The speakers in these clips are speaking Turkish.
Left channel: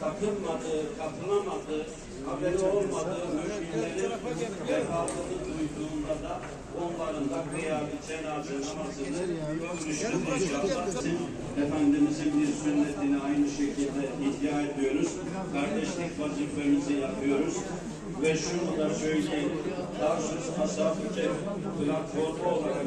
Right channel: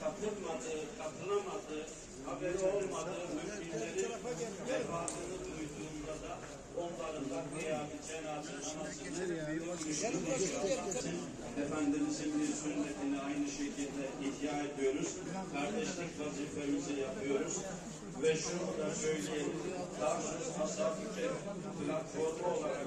katılmadığı, katılamadığı, haberi olmadığı müminlerin vefatını duyduğunda da onların da kıyam-ı cenaze namazını Efendimizin bir sünnetini aynı şekilde ihya ediyoruz. Kardeşlik vazifemizi yapıyoruz. Ve şunu da söyleyeyim, Tarsus Ashab-ı Kehf platformu olarak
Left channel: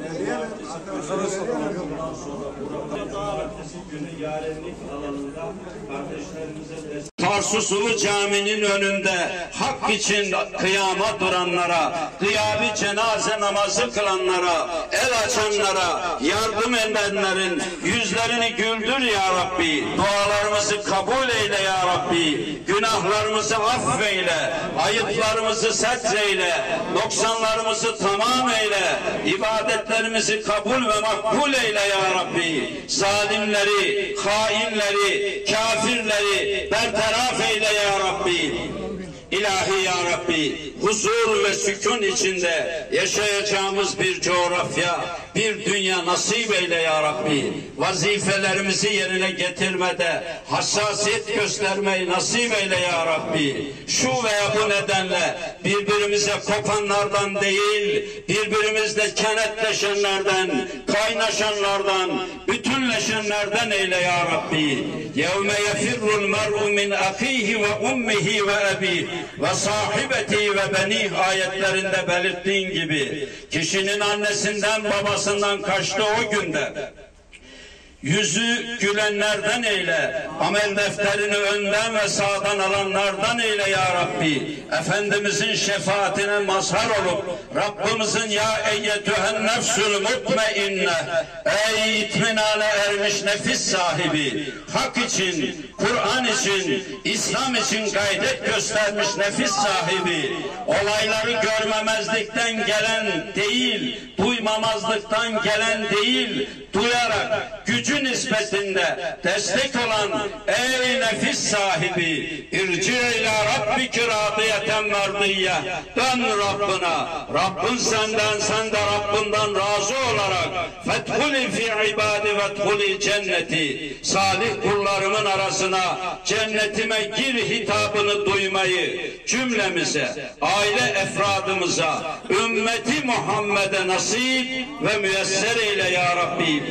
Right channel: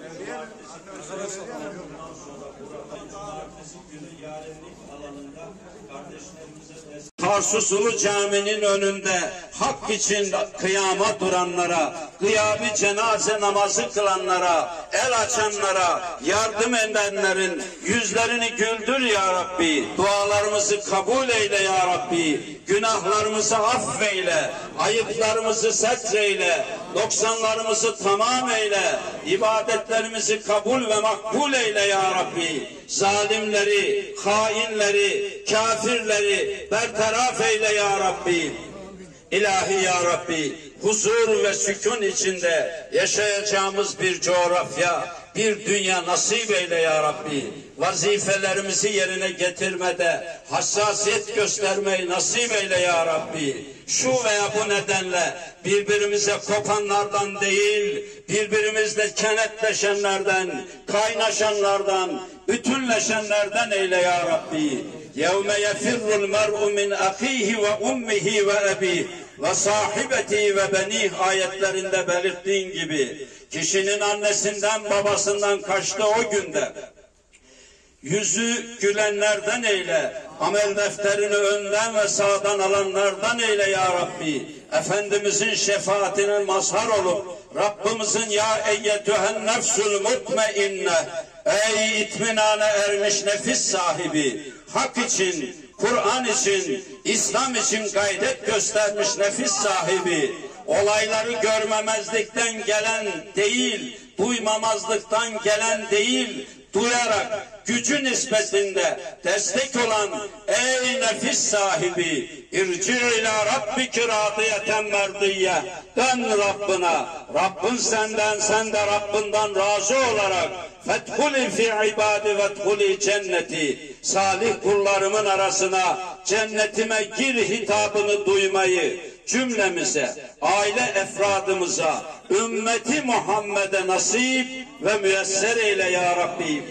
bundan sonra burada cumartesi günü yarenlik alanında kardeşlerimize destek. Tarsus Ulu Cami'nin önünde hak için kıyama duranlara, kıyami cenaze namazı kılanlara, el açanlara, yardım edenlerin yüzlerini güldür ya Rabbi. Dualarımızı kabul eyle ya Rabbi. Günahlarımızı affeyle, ayıplarımızı setreyle, noksanlarımızı tamam eyle, ibadetlerimizi kabul ve makbul eyle ya Rabbi. Zalimleri, hainleri, kafirleri bertaraf eyle ya Rabbi. İlahi ya Rabbi, huzur ve sükun içinde yaşayacağımız bir coğrafya, bir dünya nasip eyle ya Rabbi. Vazifelerimizi yerine getirmede hassasiyet göstermeyi nasip eyle ya Rabbi. Şu veya bu nedenle birbirimize kopanlardan değil, birbirimizle kenetleşenlerden, kaynaşanlardan, bütünleşenlerden eyle ya Rabbi. يَوْمَ يَفِرُّ الْمَرْءُ مِنْ أَخِيهِ وَأُمِّهِ وَأَبِيهِ ve sahibeti ve beni ayetlerinde belirttiğin gibi kişinin annesinden babasından kaçtığı o günde yüzü gülenlerden eyle, amel defterini önden ve sağdan alanlardan eyle ya Rabbi. Efendimizin şefaatine mazhar olup Rabbimizin ya eyyetühen nefsül mutmeinne, ey itminane ermiş nefis sahibi, hak için, Kur'an için, İslam için gayret göstermiş nefis sahibi, olayları görmemezlikten gelen değil, duymamazlıktan gelen değil, duyarak gücü nispetinde destek olan ey nefis sahibi, irci ila rabbiki radiyeten merdiye, dön Rabbına, Rabbin senden, sen de Rabbinden razı olarak fethuli fi ibadi vethuli cenneti, salih kullarımın arasına cennetime gir hitabını duymayı cümlemize, aile efradımıza, ümmeti Muhammed'e nasip ve müyesser eyle ya Rabbi.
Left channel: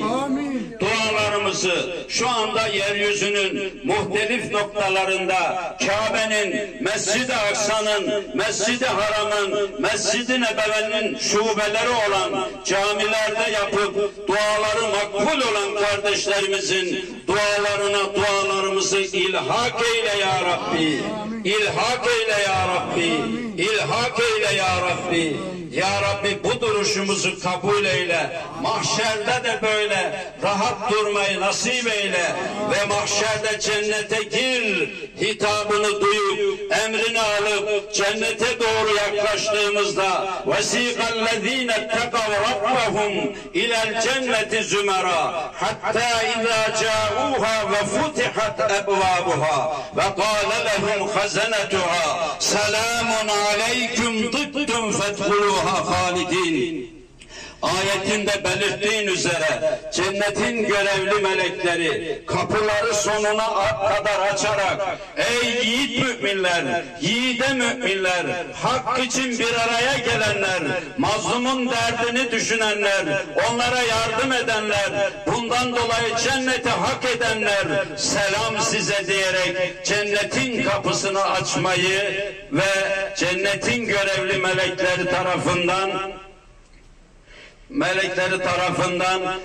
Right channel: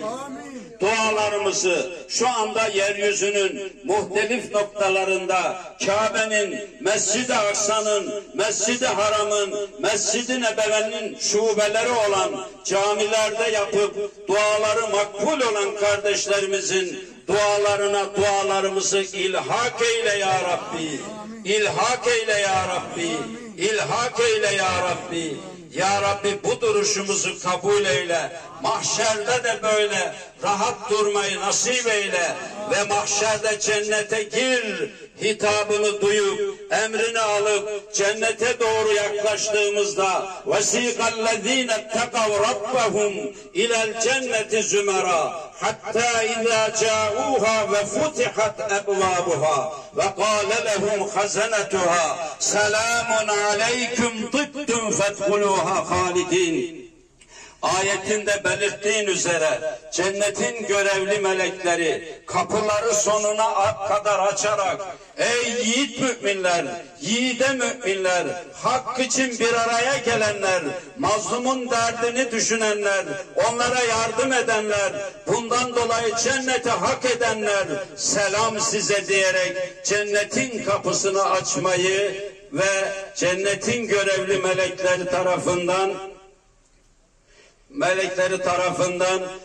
Dualarımızı şu anda yeryüzünün muhtelif noktalarında Kabe'nin, Mescid-i Aksa'nın, Mescid-i Haram'ın, Mescid-i Nebevi'nin şubeleri olan camilerde yapıp duaları makbul olan kardeşlerimizin dualarına dualarımızı ilhak eyle ya Rabbi. İlhak eyle ya Rabbi. İlhak eyle ya Rabbi. Ya Rabbi bu duruşumuzu kabul eyle. Mahşerde de böyle rahat durmayı nasip eyle. Ve mahşerde cennete gir hitabını duyup, emrini alıp cennete doğru yaklaştığımızda وَسِيقَ اتَّقَوْا رَبَّهُمْ إِلَى الْجَنَّةِ زُمَرًا حَتَّى إِذَا جَاءُوهَا وَفُتِحَتْ أَبْوَابُهَا وَقَالَ لَهُمْ خَزَنَتُهَا سَلَامٌ عَلَيْكُمْ طِبْتُمْ فَادْخُلُوهَا خَالِدِينَ. Ayetinde belirttiğin üzere cennetin görevli melekleri kapıları sonuna kadar açarak ey yiğit müminler, yiğide müminler, hak için bir araya gelenler, mazlumun derdini düşünenler, onlara yardım edenler, bundan dolayı cenneti hak edenler, selam size diyerek cennetin kapısını açmayı ve cennetin görevli melekleri tarafından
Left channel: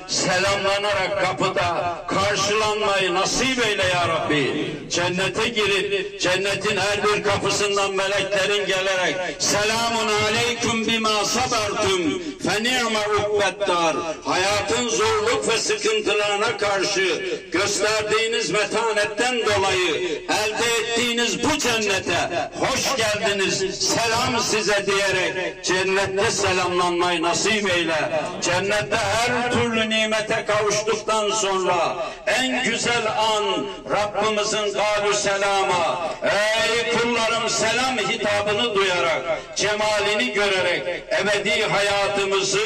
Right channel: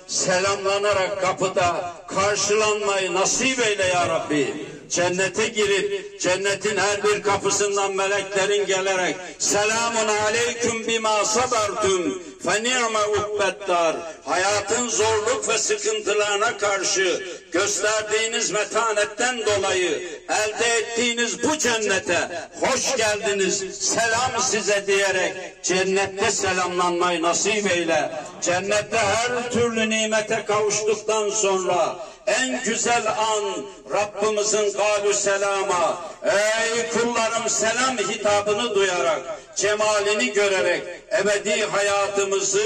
selamlanarak kapıda karşılanmayı nasip eyle ya Rabbi. Cennete girip cennetin her bir kapısından meleklerin gelerek selamun aleyküm bima sabertum fe ni'me ukbeddar, hayatın zorluk ve sıkıntılarına karşı gösterdiğiniz metanetten dolayı elde ettiğiniz bu cennete hoş geldiniz, selam size diyerek cennette selamlanmayı nasip eyle. Cennette her türlü nimete kavuştuktan sonra en güzel an Rabbimizin kâlü selama, ey kullarım selam hitabını duyarak, cemalini görerek ebedi hayatımızı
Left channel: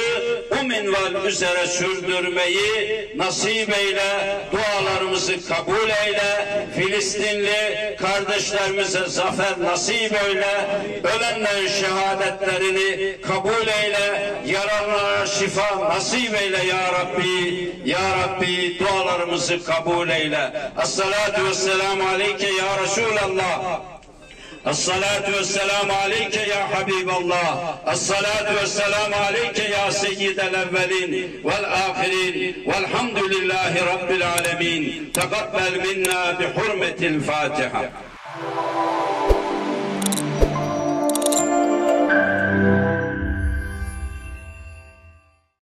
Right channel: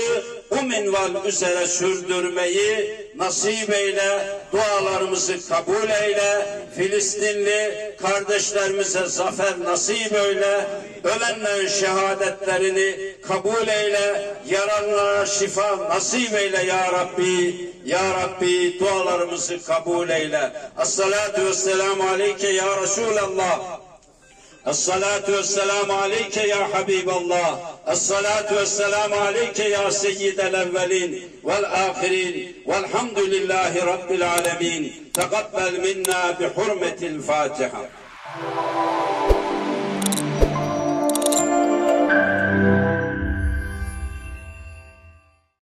bu minval üzere sürdürmeyi nasip eyle, dualarımızı kabul eyle, Filistinli kardeşlerimize zafer nasip eyle, ölenlerin şehadetlerini kabul eyle, yaralılara şifa nasip eyle ya Rabbi, ya Rabbi dualarımızı kabul eyle. Esselatu vesselamu aleyke ya Resulallah. Esselatu vesselamu aleyke ya Habiballah. Esselatu vesselamu aleyke ya seyyidel evvelin vel ahirin. Velhamdülillahi Rabbil alemin. Tegabbel minna bi hurmetil Fatiha.